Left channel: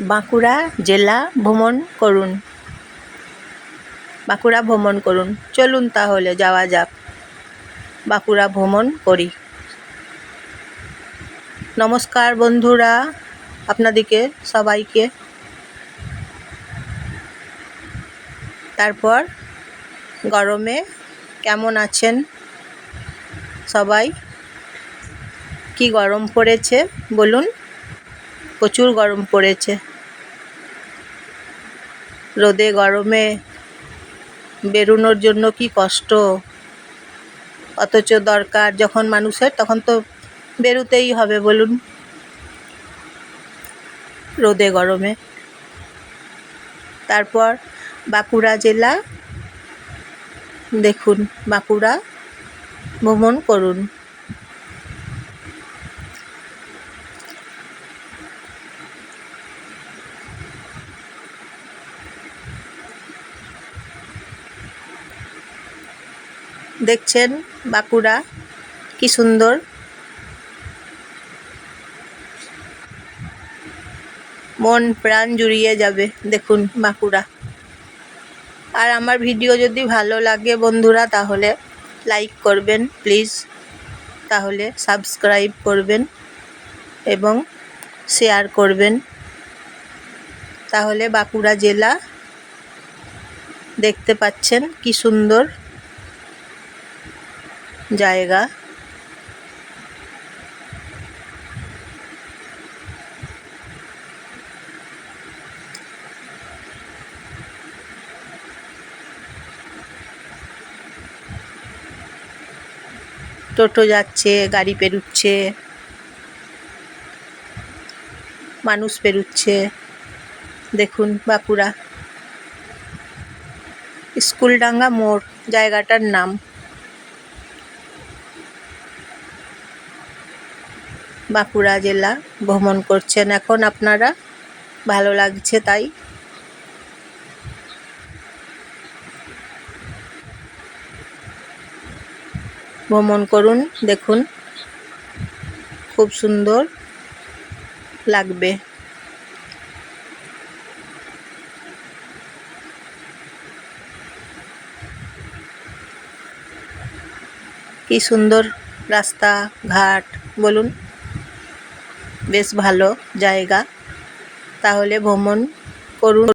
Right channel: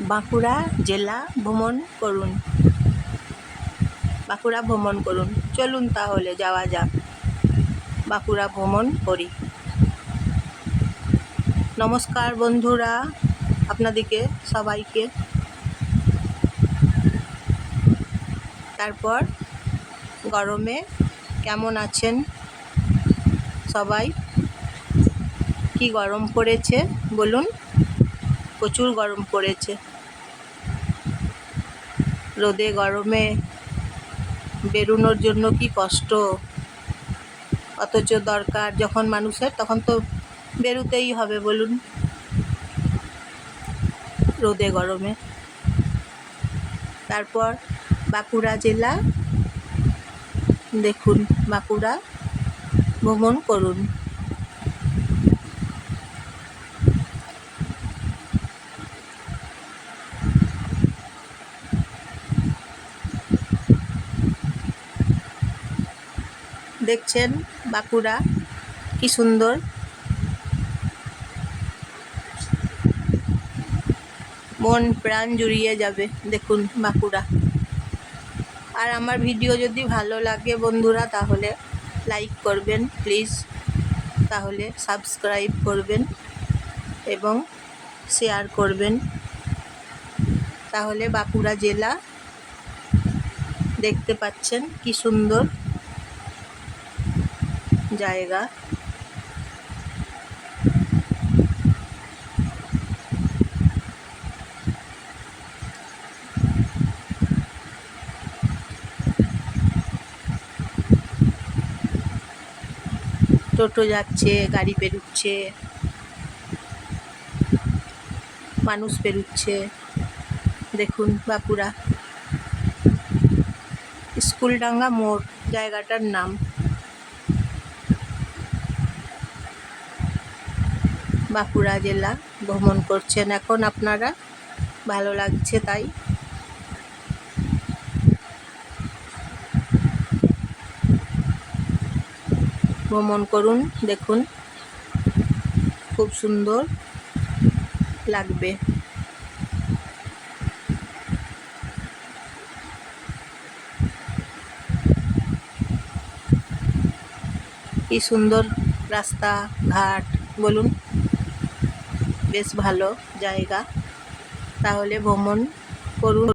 বাঁকুড়া জেলা ভ্রমণ করুন। বাঁকুড়া ভ্রমণ করুন। চলুন তাহলে যাওয়া যাক। বাঁকুড়া ভ্রমণ করি। নমস্কার বন্ধুরা, আপনাদেরকে, সবাইকে। তারপর গরমে কেমন আছেন সবাই? কি গরম পড়েছে বলুন? প্রচুর গরম পড়েছে। রোদে গরমে বেরোনোর জন্য কি কষ্ট? অথচ দরকার যখন মানুষের, তখন তো বেরোতেই হবে, বলুন। রোদে গরমে। তারপর বাঁকুড়া জেলা দেখুন, বাঁকুড়া ভ্রমণ করুন। দেখছেন বাঁকুড়া, কি সুন্দর। মন প্রাণ জুড়িয়ে যাবে, দেখুন বাঁকুড়া। আর আমার ভিডিও যদি ভালো লাগে বন্ধুরা, তাহলে লাইক করবেন, প্লিজ। তাহলে সাবস্ক্রাইব করবেন এবং শেয়ার করবেন। তাহলে বাঁকুড়া জেলা দেখতে পাচ্ছেন কি সুন্দর। জায়গা। টোটো যাচ্ছে গাড়ি পেরুচ্ছে মানুষ পেরুচ্ছে। দেখুন বাঁকুড়া। স্কুলডাঙ্গা মোড় জায়গাটার নাম। বাঁকুড়া জেলা ভ্রমণ করছেন এখন আপনারা। ভালো লাগছে তাই। ভ্রমণ করুন, দেখুন। খুব সুন্দর লাগবে। কি সুন্দর রাস্তা, ঘাট, বলুন। বেশ ভালো জায়গা। তাহলে ভ্রমণ করুন।